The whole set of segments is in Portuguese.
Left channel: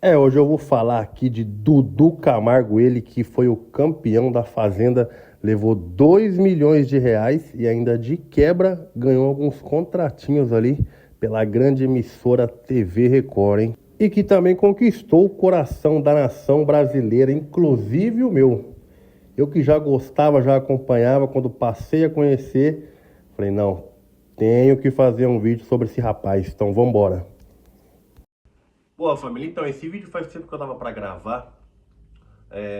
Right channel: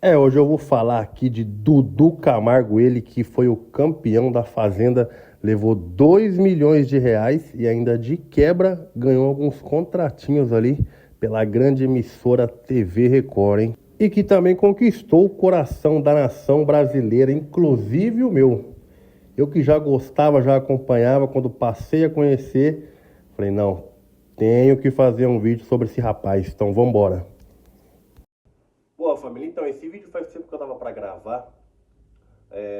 Hoje eu vou falar aqui de Dudu Camargo, ele que foi o campeão da Fazenda, levou 2 milhões de reais e ainda de quebra ganhou alguns contratinhos ali pela grande emissora TV Record, hein? E que também conquistou o coração da nação brasileira, inclusive o meu. Eu que já gostava, já acompanhava, quando passei a conhecer, falei, não, tenho que fazer um vídeo sobre esse rapaz, então vambora. Boa, família, então esse vídeo faz tempo que eu tava pra gravar,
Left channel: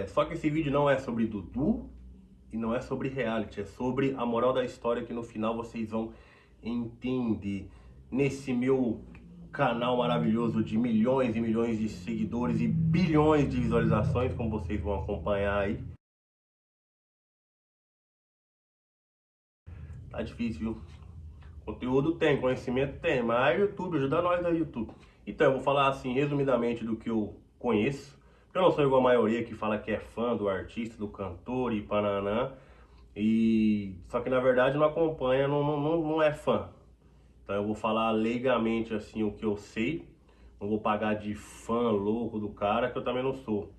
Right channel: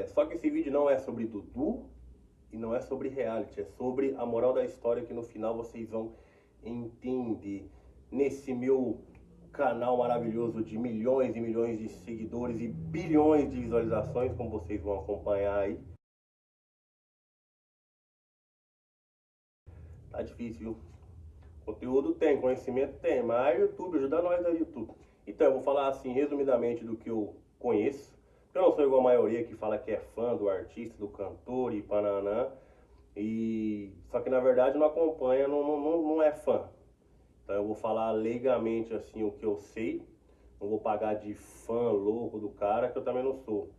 só que esse vídeo não é sobre Dudu e não é sobre reality, é sobre a moral da história que no final vocês vão entender. Nesse meu canal maravilhoso de milhões e milhões de seguidores e bilhões de visualizações, como vocês vão acompanhar aí. Tá difícil, viu? Conteúdo tem, conhecimento tem, mas YouTube, ajuda nós aí, YouTube. Então, eu vou falar assim, resumidamente, do que eu conheço. Eu não sou igual a maioria que fala que é fã do artista, do cantor e pananã. Só que na verdade não acompanha, não é fã. Então eu vou falar leigamente assim o que eu sei. Não vou pagar de fã louco do cara, que eu também não sou.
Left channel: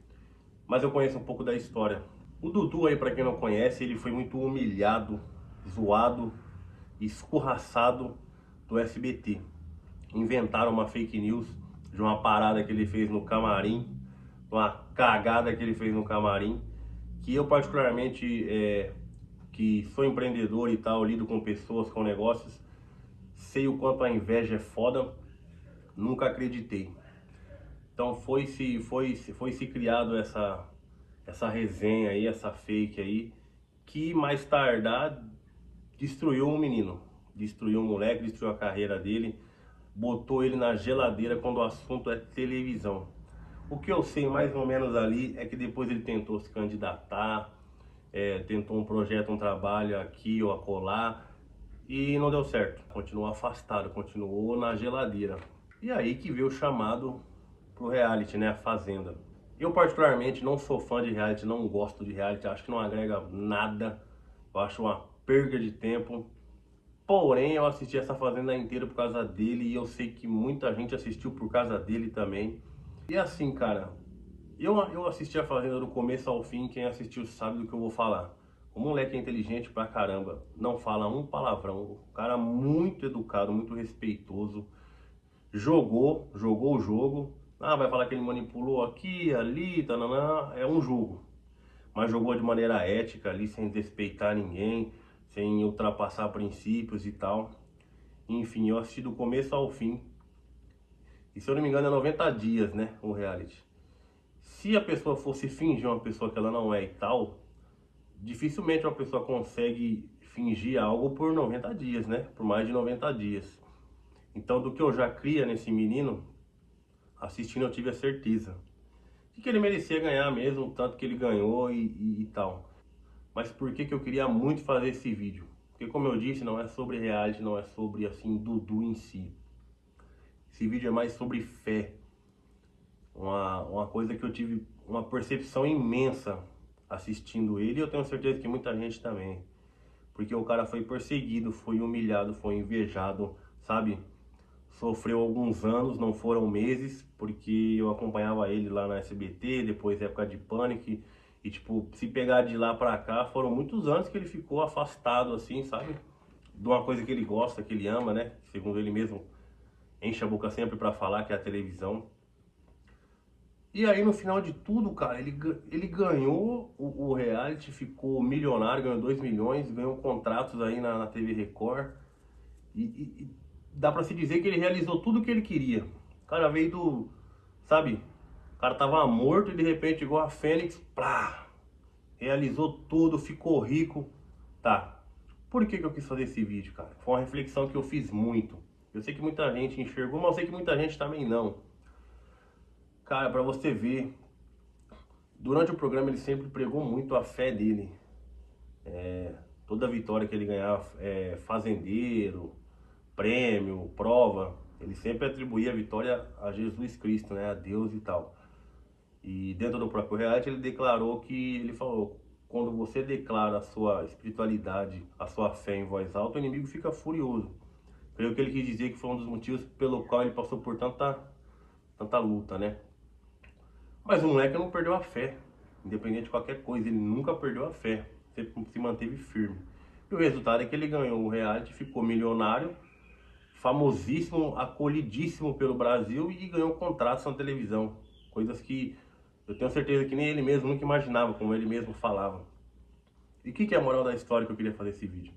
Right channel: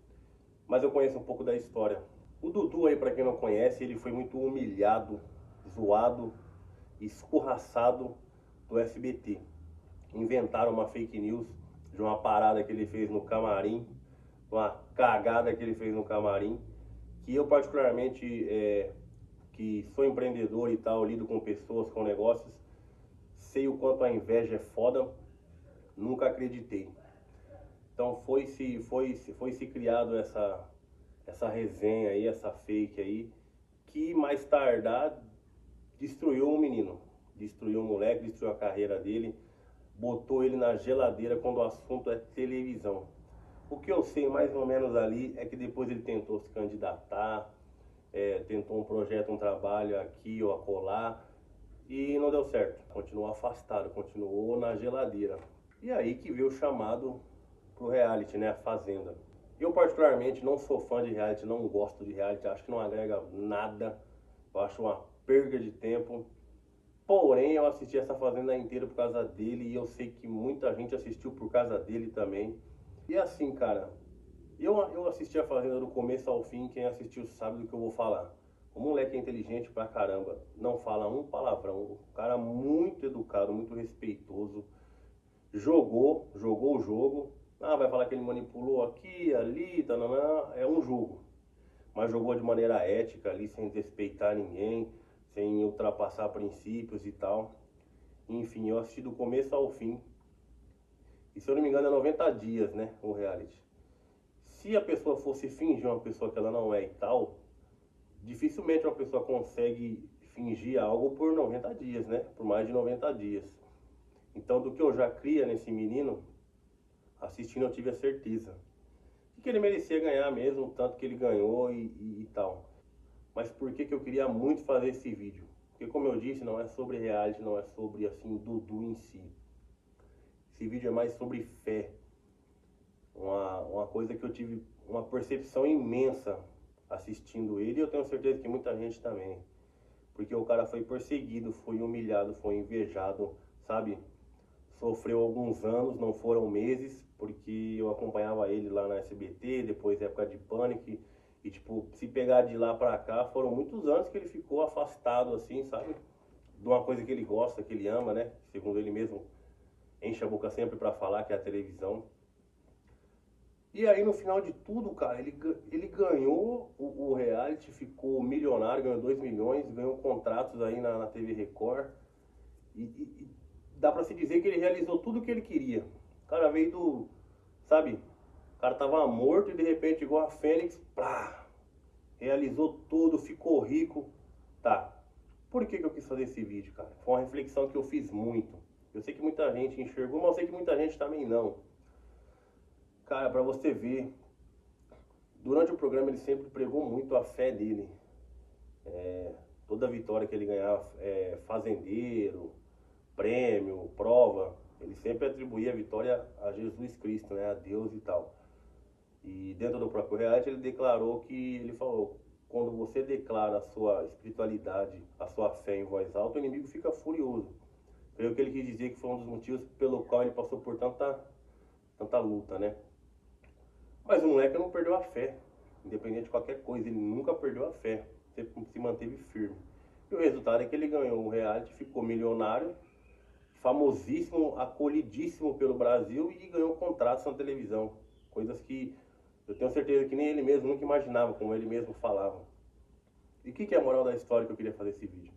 Mas eu conheço um pouco da história. O Dudu aí, pra quem não conhece, ele foi muito humilhado, zoado, escorraçado do SBT. Inventaram uma fake news de uma parada que ele fez no camarim, uma cagada que ele fez no camarim, que eu particularmente, que sou empreendedor e tal, lido com pessoas, com negócios, sei o quanto a inveja é foda, nunca acreditei. Então foi se criado essa resenha aí, essa fake aí, que mais tardar destruiu o menino, destruiu o moleque, destruiu a carreira dele, botou ele na geladeira quando o assunto é televisão. O que eu sei mais ou menos ali é que depois ele tentou se candidatar, tentou um projeto, um trabalho aqui ou acolá e não deu certo. Continuou afastado, continuou na geladeira. E aí que veio o chamado pro reality, né? A Fazenda. Eu particularmente não sou fã de reality, não gosto de reality, acho que não agrega nada. Eu acho uma perda de tempo. Porém, eu assisti essa Fazenda inteira por causa dele e eu sei que muita gente assistiu por causa dele também. E assim, cara, eu assisti a Fazenda do começo ao fim, quem assistiu sabe do que eu vou falar. O moleque é inteligente pra caramba, não fala um palavrão, um cara muito educado, muito respeitoso. Jogou o jogo. Ah, vai falar que ele manipulou aqui, ali, tananã, é um jogo. Mas jogou de maneira ética ali, sem desrespeitar ninguém, sem ultrapassar princípios e tal. Enfim, eu assisti do começo ao fim. E se eu não me engano é 90 dias, né, o reality. Se a pessoa fosse fingir uma pessoa que ela não é e tal, dificilmente uma pessoa consegue fingir algo por 90 dias, né? Por mais de 90 dias. Então, do que eu já cria nesse menino, assistindo eu tive a certeza de que ele merecia ganhar mesmo, o tanto que ele ganhou e tal. Mas por que que eu queria muito fazer esse vídeo? Porque como eu disse, não é sobre reality, não é sobre assim Dudu em si. Esse vídeo é mais sobre fé. Uma coisa que eu tive uma percepção imensa assistindo ele, e eu tenho certeza que muita gente também. Porque o cara foi perseguido, foi humilhado, foi invejado, sabe? Sofreu alguns anos, não foram meses, porque eu acompanhava ele lá na SBT, depois época de Pânico, e tipo, se pegar de lá pra cá, foram muitos anos que ele ficou afastado, assim, sabe? De uma coisa que ele gosta, que ele ama, né? Segundo ele mesmo, enche a boca sempre pra falar, que é a televisão. E aí no final de tudo, cara, ele ganhou o reality, ficou milionário, ganhou 2 milhões, ganhou contratos aí na TV Record. E dá pra se dizer que ele realizou tudo o que ele queria. O cara veio do, sabe, o cara tava morto e de repente igual a Fênix, plá, realizou tudo, ficou rico. Tá, por que que eu quis fazer esse vídeo, cara? Foi uma reflexão que eu fiz muito. Eu sei que muita gente enxergou, mas eu sei que muita gente também não. Cara, pra você ver, durante o programa ele sempre pregou muito a fé dele. Toda vitória que ele ganhava, fazendeiro, prêmio, prova, ele sempre atribuía a vitória a Jesus Cristo, né, a Deus e tal. E dentro do próprio reality ele declarou que, ele falou, quando você declara a sua espiritualidade, a sua fé em voz alta, o inimigo fica furioso. Creio que ele quis dizer que foi um dos motivos pelo qual ele passou por tanta luta, né? Mas o moleque não perdeu a fé, independente de qualquer coisa, ele nunca perdeu a fé, sempre se manteve firme. E o resultado é que ele ganhou o reality, ficou milionário, famosíssimo, acolhidíssimo pelo Brasil e ganhou contratos na televisão. Coisas que eu tenho certeza que nem ele mesmo nunca imaginava, como ele mesmo falava. E o que é a moral da história que eu queria fazer esse vídeo?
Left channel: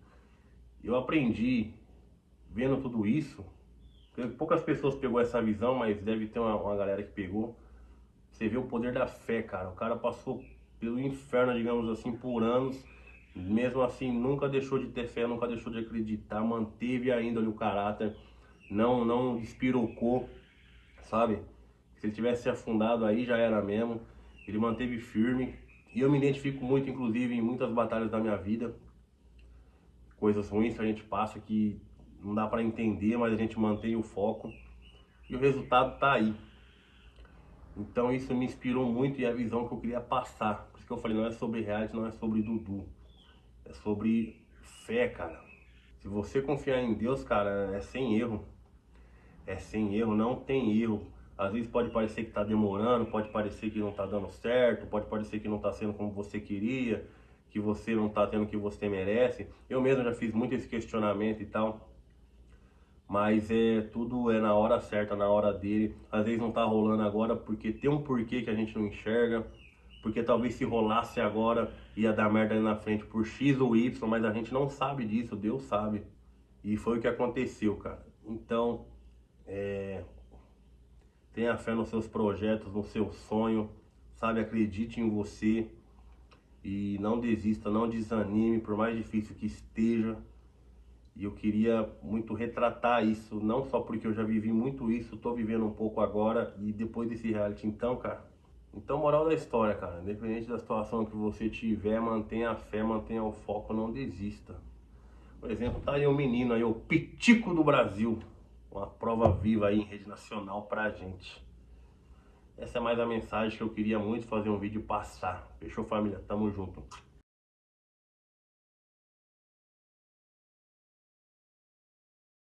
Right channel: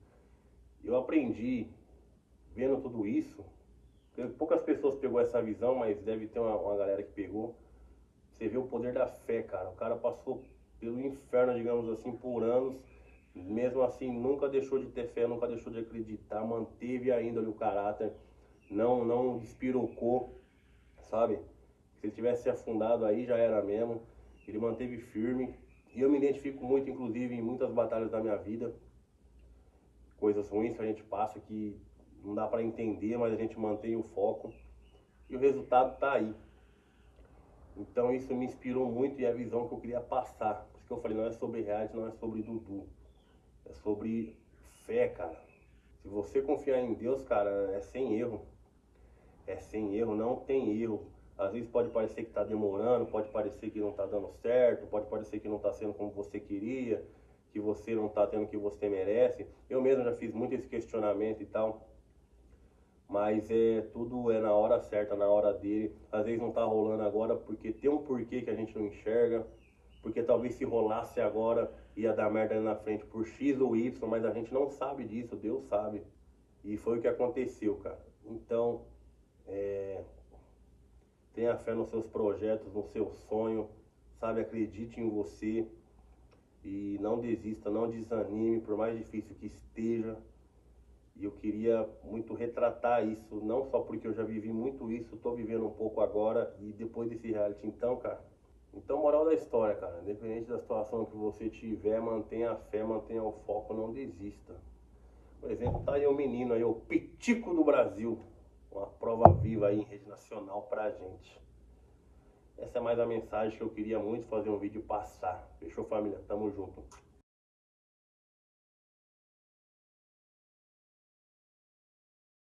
Eu aprendi, vendo tudo isso, poucas pessoas pegou essa visão, mas deve ter uma galera que pegou. Você vê o poder da fé, cara. O cara passou pelo inferno, digamos assim, por anos. Mesmo assim, nunca deixou de ter fé, nunca deixou de acreditar, manteve ainda ali o caráter, não despirocou, sabe? Se ele tivesse se afundado aí, já era mesmo. Ele manteve firme. E eu me identifico muito, inclusive, em muitas batalhas da minha vida. Coisas ruins que a gente passa que não dá pra entender, mas a gente mantém o foco. E o resultado tá aí. Então isso me inspirou muito e a visão que eu queria passar. Por isso que eu falei, não é sobre reality, não é sobre Dudu. É sobre fé, cara. Se você confiar em Deus, cara, é sem erro. É sem erro, não tem erro. Às vezes pode parecer que tá demorando, pode parecer que não tá dando certo, pode parecer que não tá sendo como você queria, que você não tá tendo o que você merece. Eu mesmo já fiz muito esse questionamento e tal. Mas tudo é na hora certa, na hora dele. Às vezes não tá rolando agora porque tem um porquê que a gente não enxerga. Porque talvez se rolasse agora ia dar merda ali na frente por X ou Y, mas a gente não sabe disso, Deus sabe. E foi o que aconteceu, cara. Então, tenha fé nos seus projetos, no seu sonho, sabe? Acredite em você e não desista, não desanime, por mais difícil que esteja. E eu queria muito retratar isso, não só porque eu já vivi muito isso, tô vivendo um pouco agora e depois desse reality. Então, cara, então moral da história, cara, independente da situação que você tiver, mantenha a fé, mantenha o foco, não desista. Por exemplo, tá aí o menino aí, o Pitico do Brasil, uma prova viva aí em rede nacional pra gente. Essa é mais a mensagem que eu queria muito fazer um vídeo passar. Fechou, família? Tamo junto.